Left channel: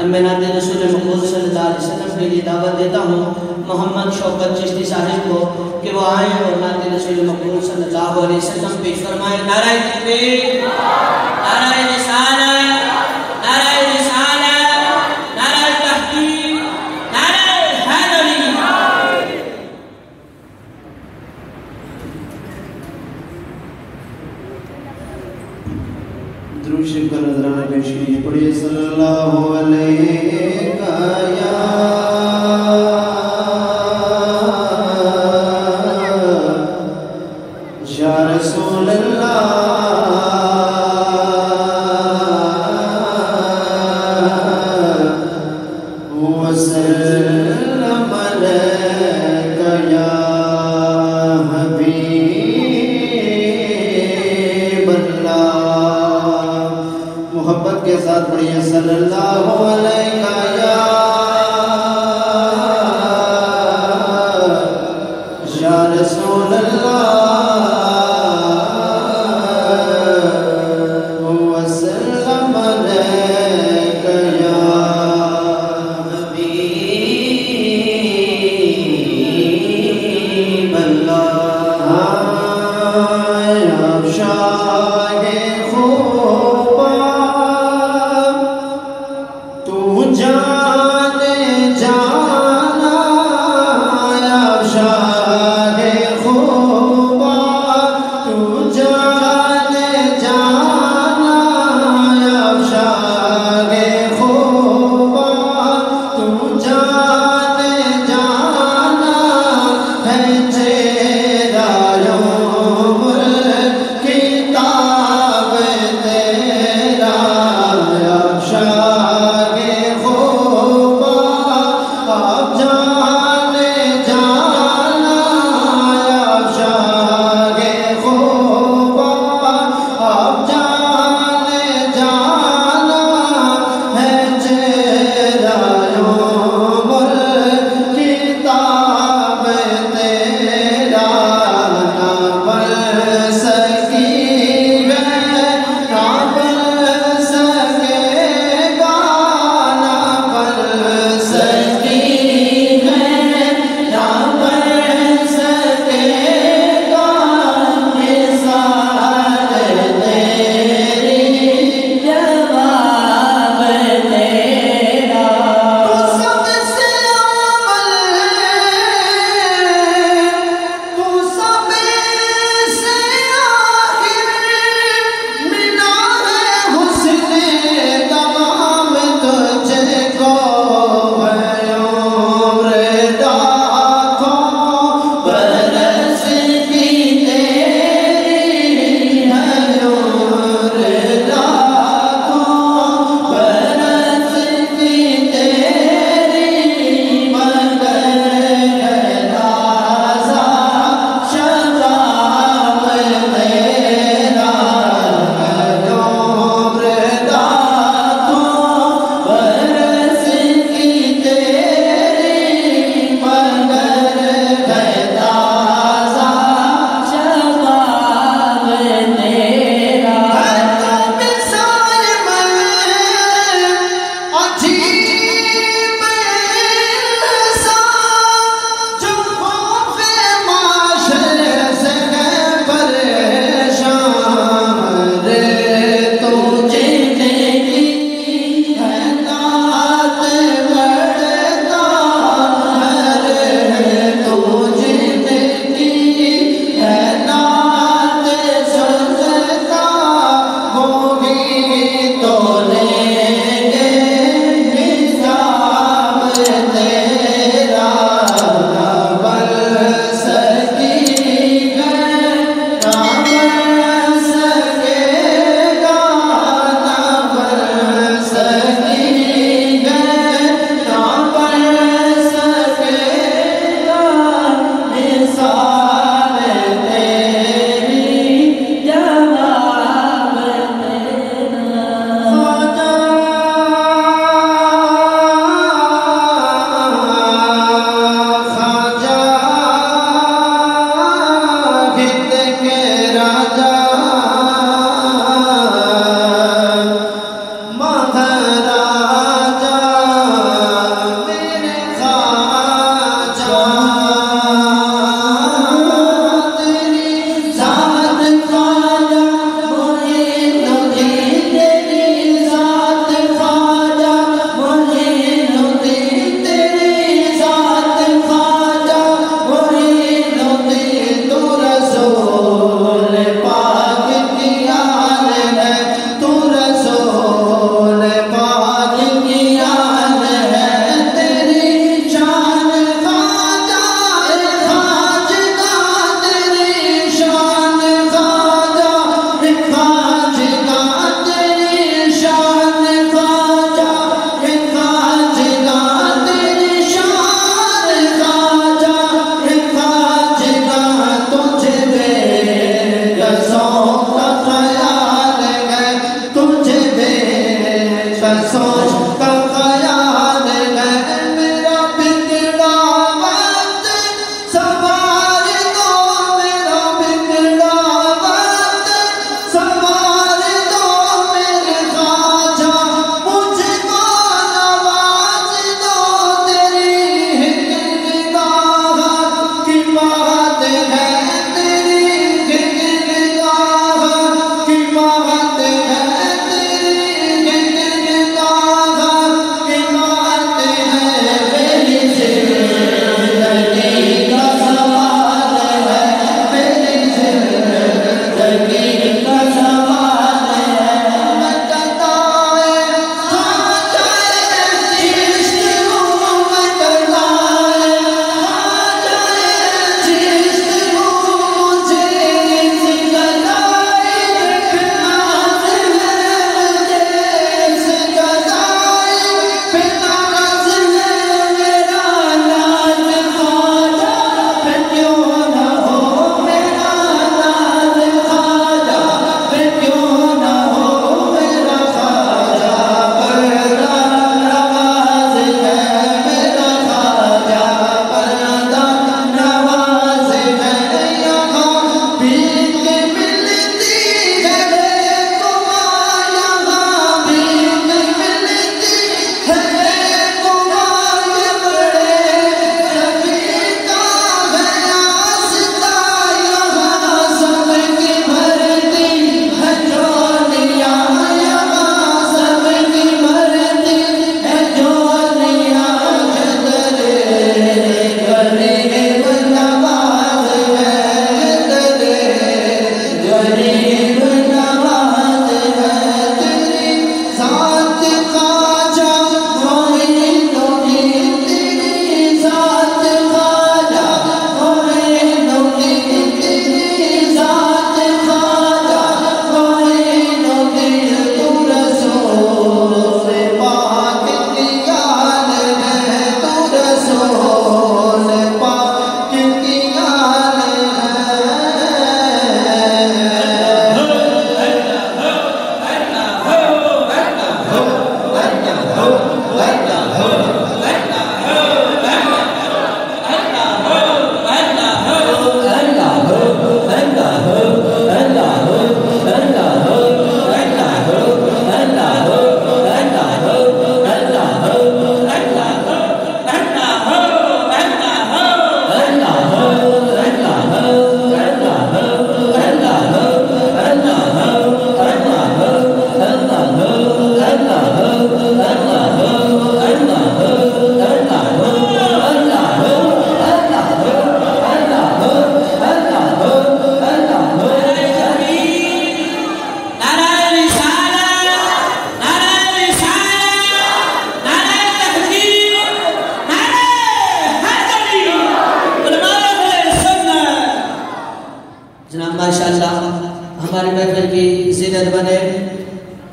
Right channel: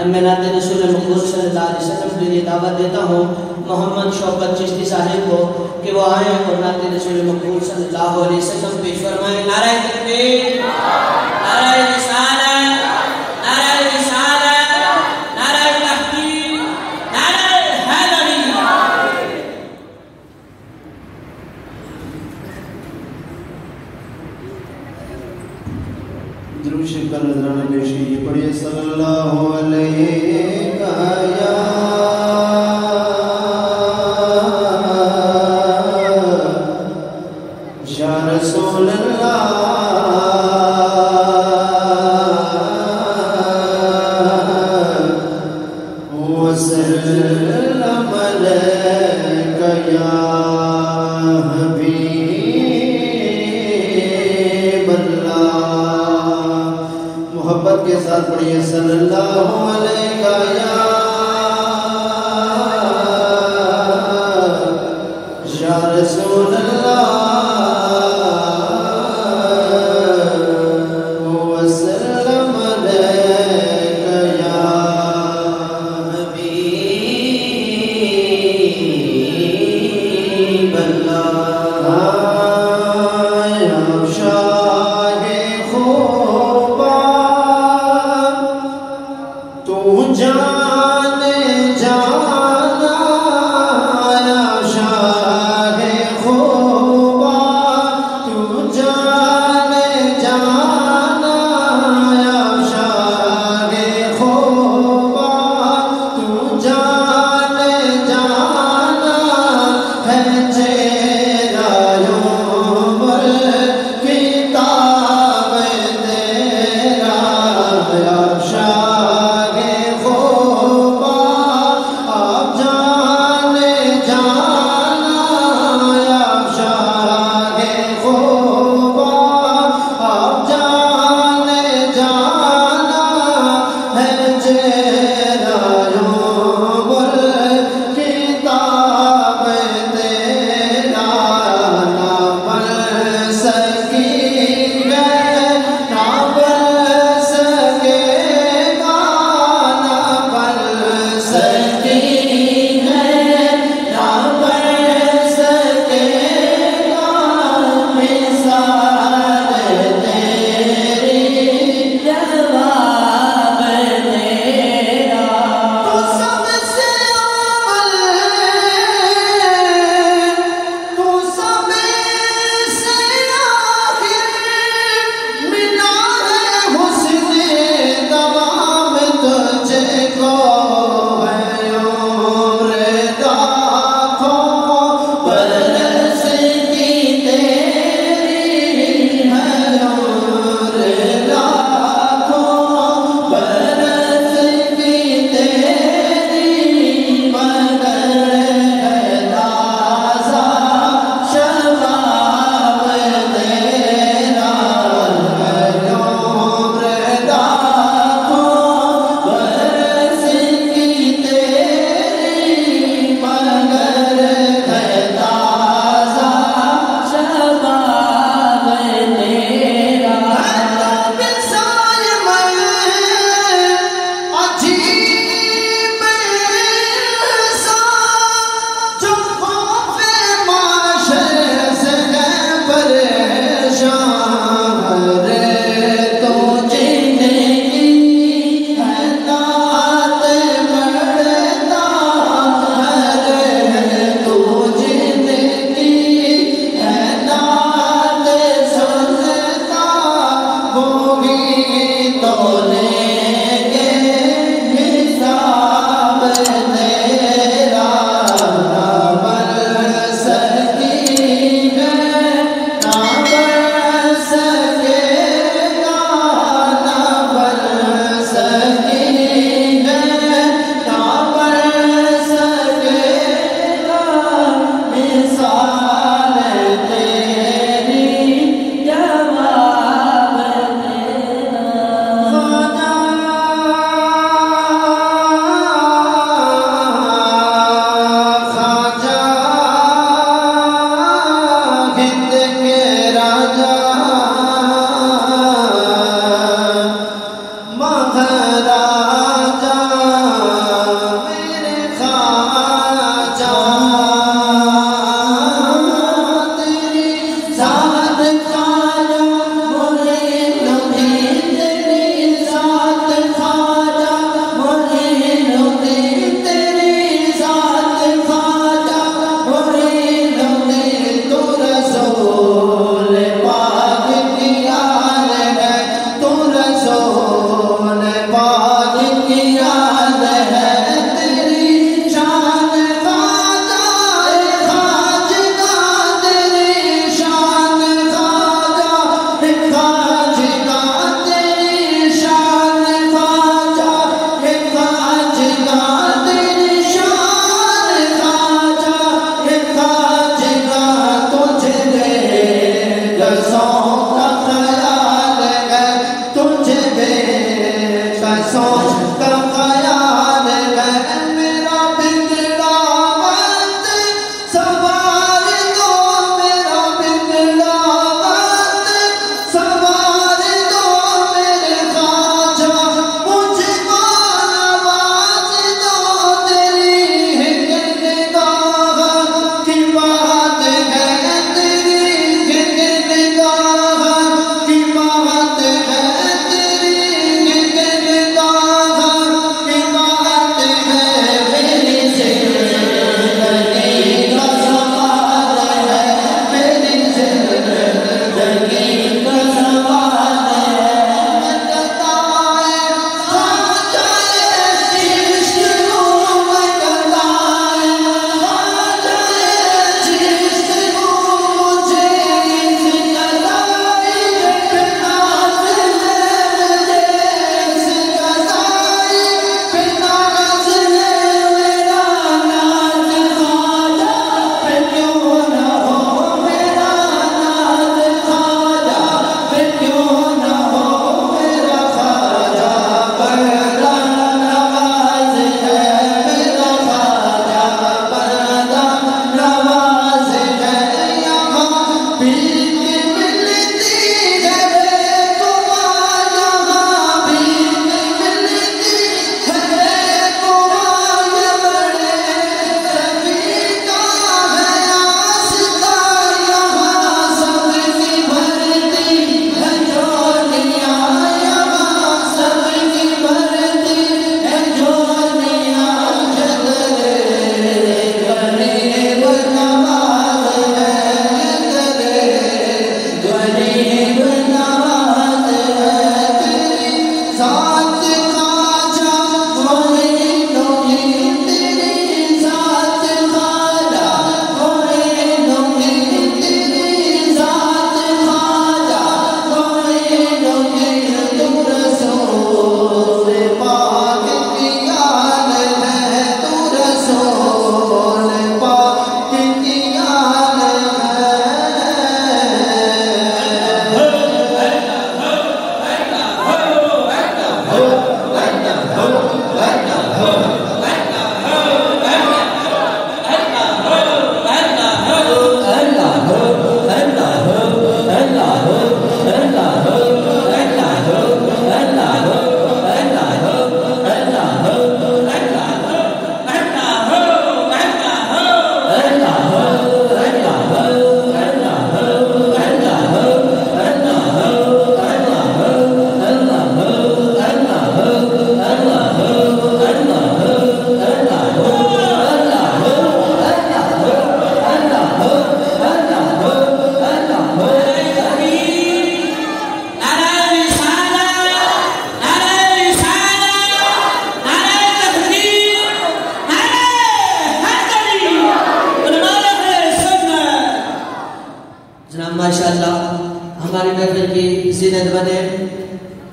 मैं नाते रसूल मक़बूल सल्लल्लाहु अलैहि वसल्लम के लिए दावत देता हूँ मोहम्मद शौकत चिश्ती साहिब को कि वो आए और नाते रसूल मक़बूल सल्लल्लाहु अलैहि वसल्लम पेश फरमाए। नारे तकबीर, नारे रिसालत, नारे रिसालत, नारे तहकीक, नारे हैदरी। दुरूद शरीफ का नज़राना पेश कीजिए। पढ़िए सल्लल्लाहु अलैहि या रसूल अल्लाह वसल्लम अलैका या हबीब अल्लाह। मोहब्बत के साथ पढ़िए सल्लल्लाहु अलैका या रसूल अल्लाह वसल्लम अलैका या हबीब अल्लाह।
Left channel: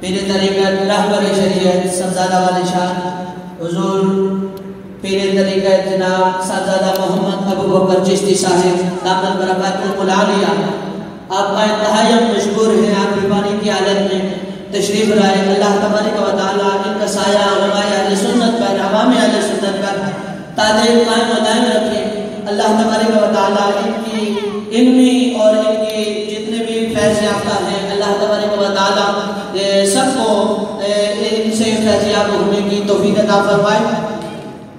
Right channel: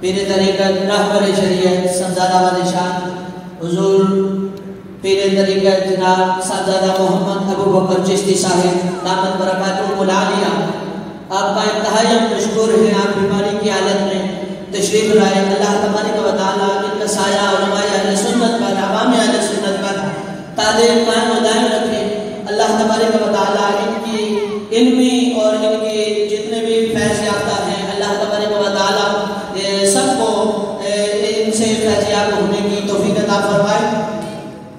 पीर तरीक़त रहबर शरीयत सफज़ादा वाले शान हुजूर पीर तरीक़त जनाब साहबजादा मोहम्मद अबू बकर चिश्ती साहिब दामद बरकातुहुल आलिया, आपका इंतहाई मशकूर है। आप बीमारी की हालत में तशरीफ लाए। अल्लाह तबारक व तआला इनका साया उलमाए अहले सुन्नत पर, अवाम अहले सुन्नत पर तादीर कायम व दायम रखे। अल्लाह तबारक व तआला इनकी इल्मी और इनके जितने भी फैज़ याफ्ता हैं, अल्लाह तबारक व तआला सबको इनसे फैज़ याफ्ता होने की तौफीक अता फरमाए।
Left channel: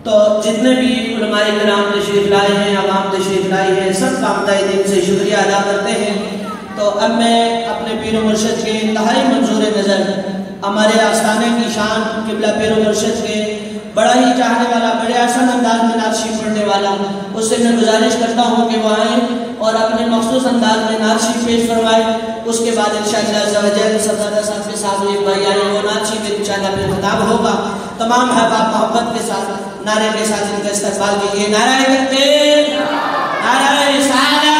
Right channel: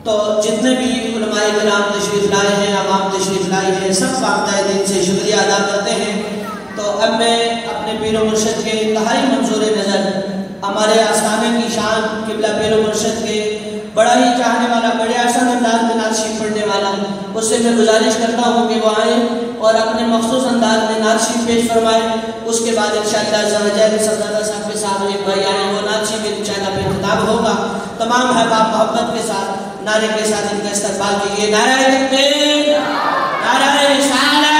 तो जितने भी उलमाए किराम तशरीफ लाए हैं, अवाम तशरीफ लाई है, सब कामता दिन से शुक्रिया अदा करते हैं। तो अब मैं अपने पीर मुर्शिद के इंतहाई मंजूर नज़र हमारे आस्थाने की शान किबला पीर मुर्शिद के बड़ा ही चाहने वाला, बड़े आसान अंदाज में नात शरीफ पढ़ने वाला, उससे मैं गुजारिश करता हूँ कि वो आए और अपने मखसूस अंदाज में नात शरीफ पेश फरमाए। उसके बाद इंशाअल्लाह सफज़ादा साहब के सामने भाई आए, वो नात शरीफ इंशाअल्लाह फिर खिताब होगा। तमाम अहबाब मोहब्बत के साथ नारे के साथ इनका इस्तक़बाल कीजिए। नारे तकबीर, नारे रिसालत।